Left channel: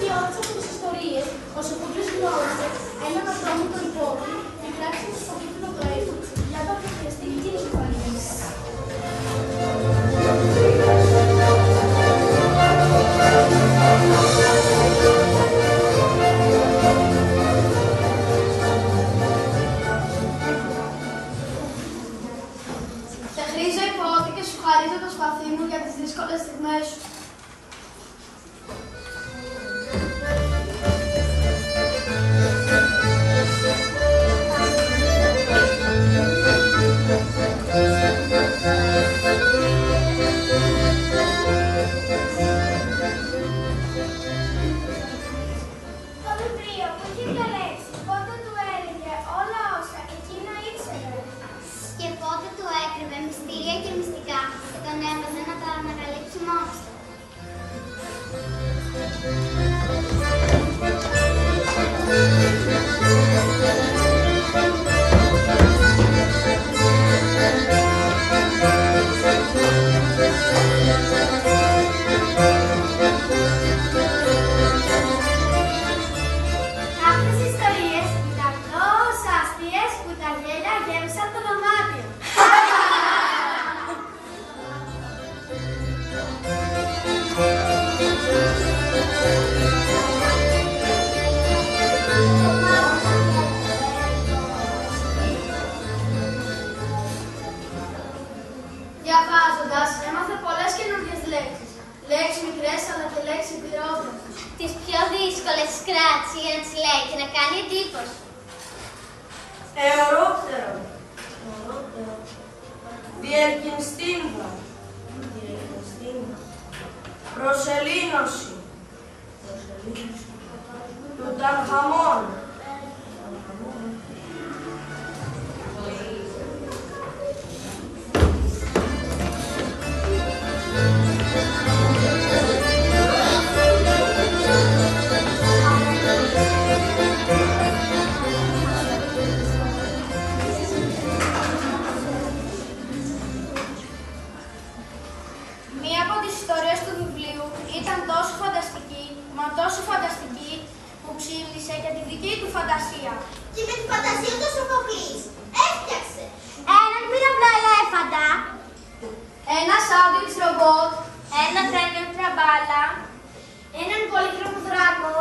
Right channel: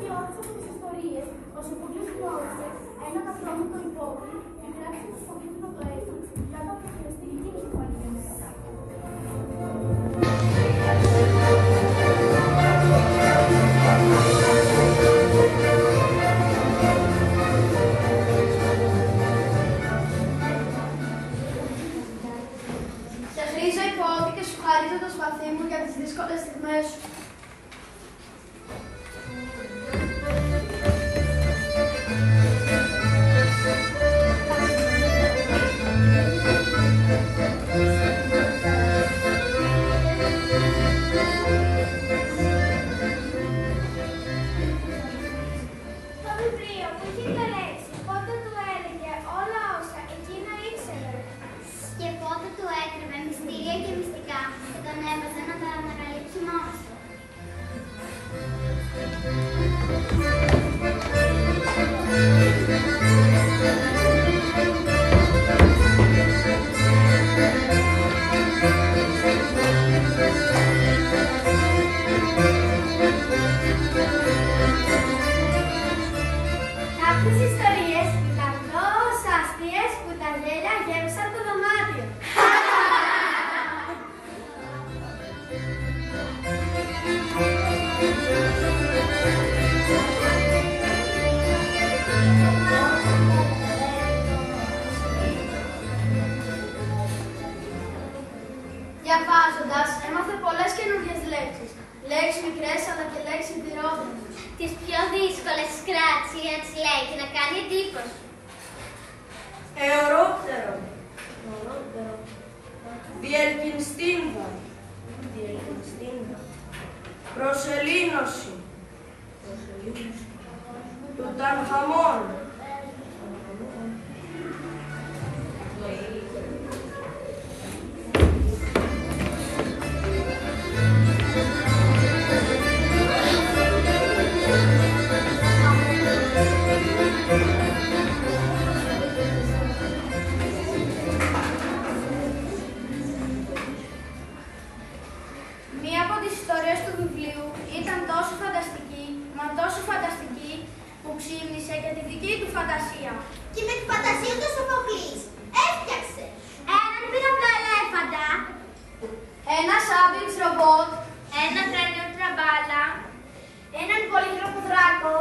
και όλες αυτές τις ιστορίες, ο Σοφοκλής γνώρισε έναν ατρόμητο υπόπτη και κράτησε στο τίτλο του έθνου για να αποφασιστεί και η συμφωνία. Σε χρήζω υπότη και σου χαρίζω το σπαθί μου για τις δύσκολες στιγμές σου. Μυστήρια και μυστικά τον έβαζε να τα ανακαλύψει μόνος του. Κάποιες ιστορίες ήταν τόσο αστείες που τα γέλια γέμισαν το δωμάτιο. Διαβάζοντας, έμαθε πολλές καινούργιες λέξεις. Λέξεις μικρές αλλά και λέξεις πληρόδρομες. Τις πιο δύσκολες κράτησε για να τις λέει και να κάνει εντύπωση. Εωρόπτερο. Διερκυνστίνδα. Προσελήνωση. Τουτανχαμών. Μία από τις ιστορίες του βιβλίου ήταν τόσο φανταστική, μα τόσο φανταστική, που ξύπνησε και τη δική του φαντασία. Και με τη φαντασία του Σοφοκλής έφτιαξε έναν πυραυλό ελέφαντα, Ένα σάντουιτς ρομπότ, ένα τρένο τραμπάλα, έναν πολύχρωμο δράκο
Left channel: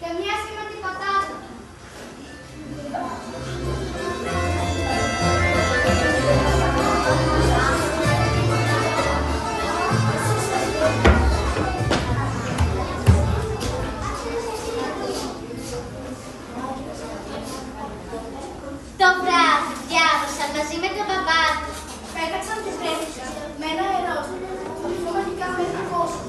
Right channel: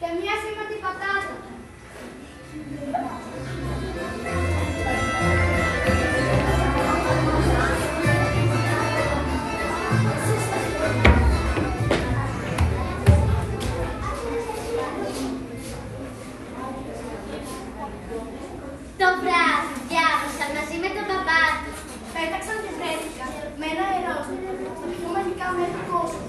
και μία σήμαντη πατάτα. το βράδυ διάβασαν μαζί με τον μπαμπά τους. Πέταξαν και βρέθηκαν με ένα ερώτημα που μαγικά μέσα κόσμο.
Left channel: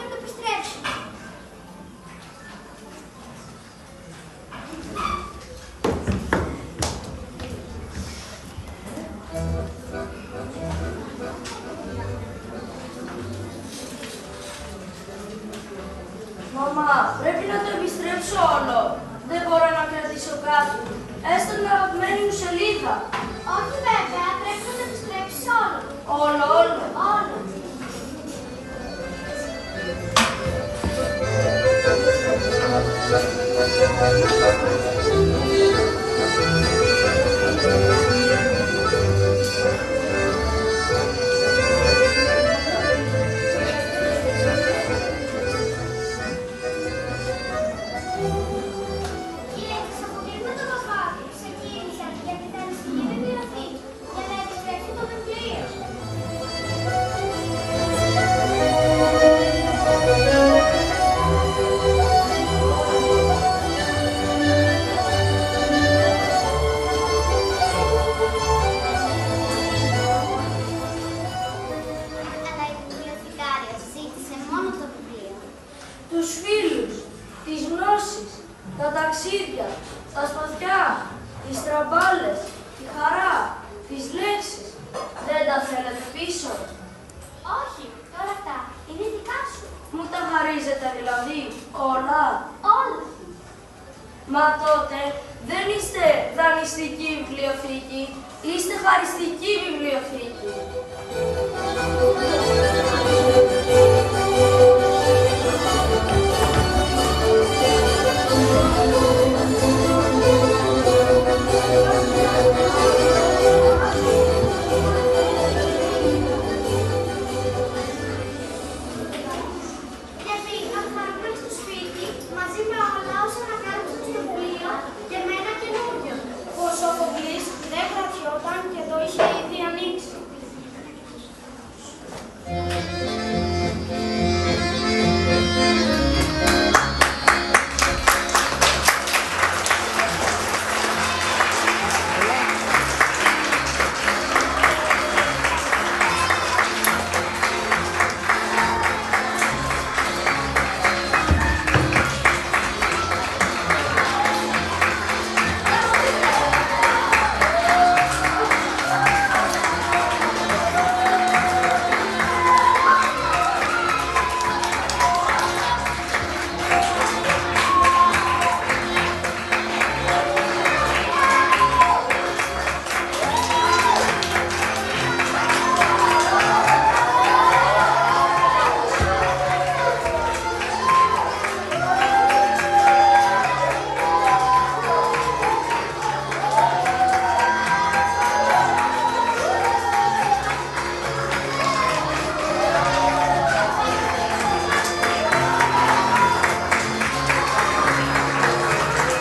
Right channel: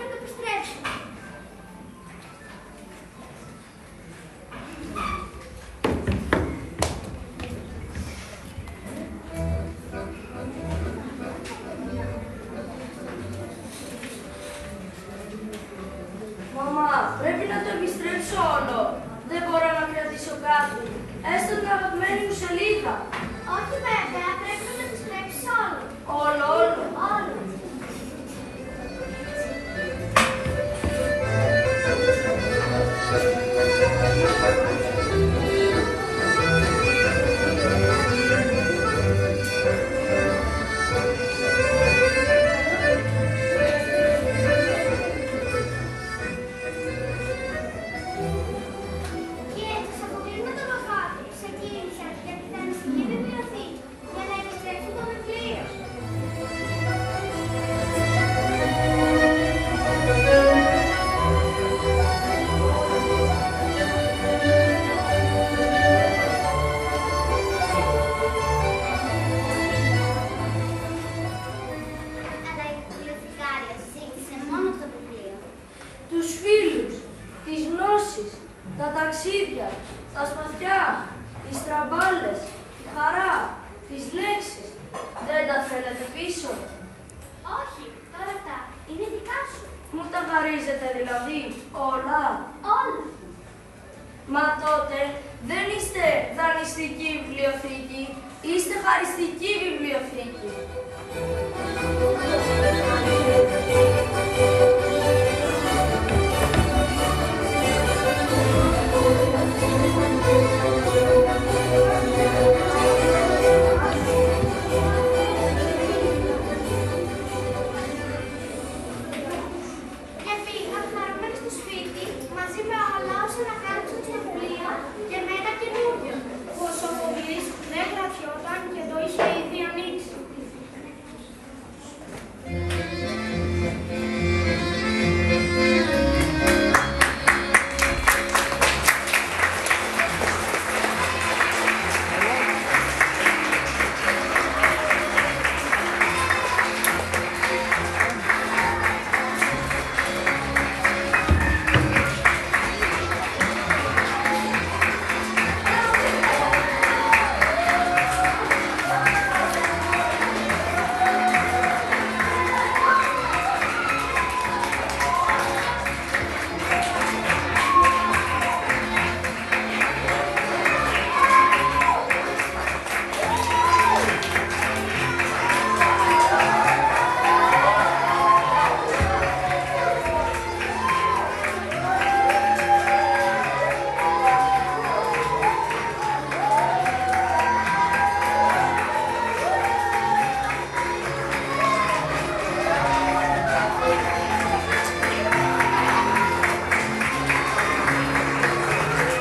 να το επιστρέψουμε. Μαμά, πρέπει να το επιστρέψω όλο. Δεν μπορώ να κρατήσω κάτι. Έστω την αγαπημένη μου σελίδα. Όχι βέβαια, πρέπει να το επιστρέψεις όλο. Όλο, όλο. Όλο. Και θα αποκρίνουμε το παπάδι σε κίνηση για την αριστική βιβλιοθήκη για να επιστρέψει το βιβλίο. Αλλά η βιβλιοθηκάρια ζήτησε μόνο το βιβλίο. Τους φίλους, τις γνώσεις, τα ταξίδια, τα σπαθιά, τις τραμπάλες, τη χαρά, τις λέξεις. Δεν τα θέλετε πίσω. Όχι, τώρα αυτά είναι δικά σου. Μου τα χαρίζετε δηλαδή όλα. Όλα. Μα τότε δεν είστε δανειστική βιβλιοθήκη, είστε χαριστική βιβλιοθήκη.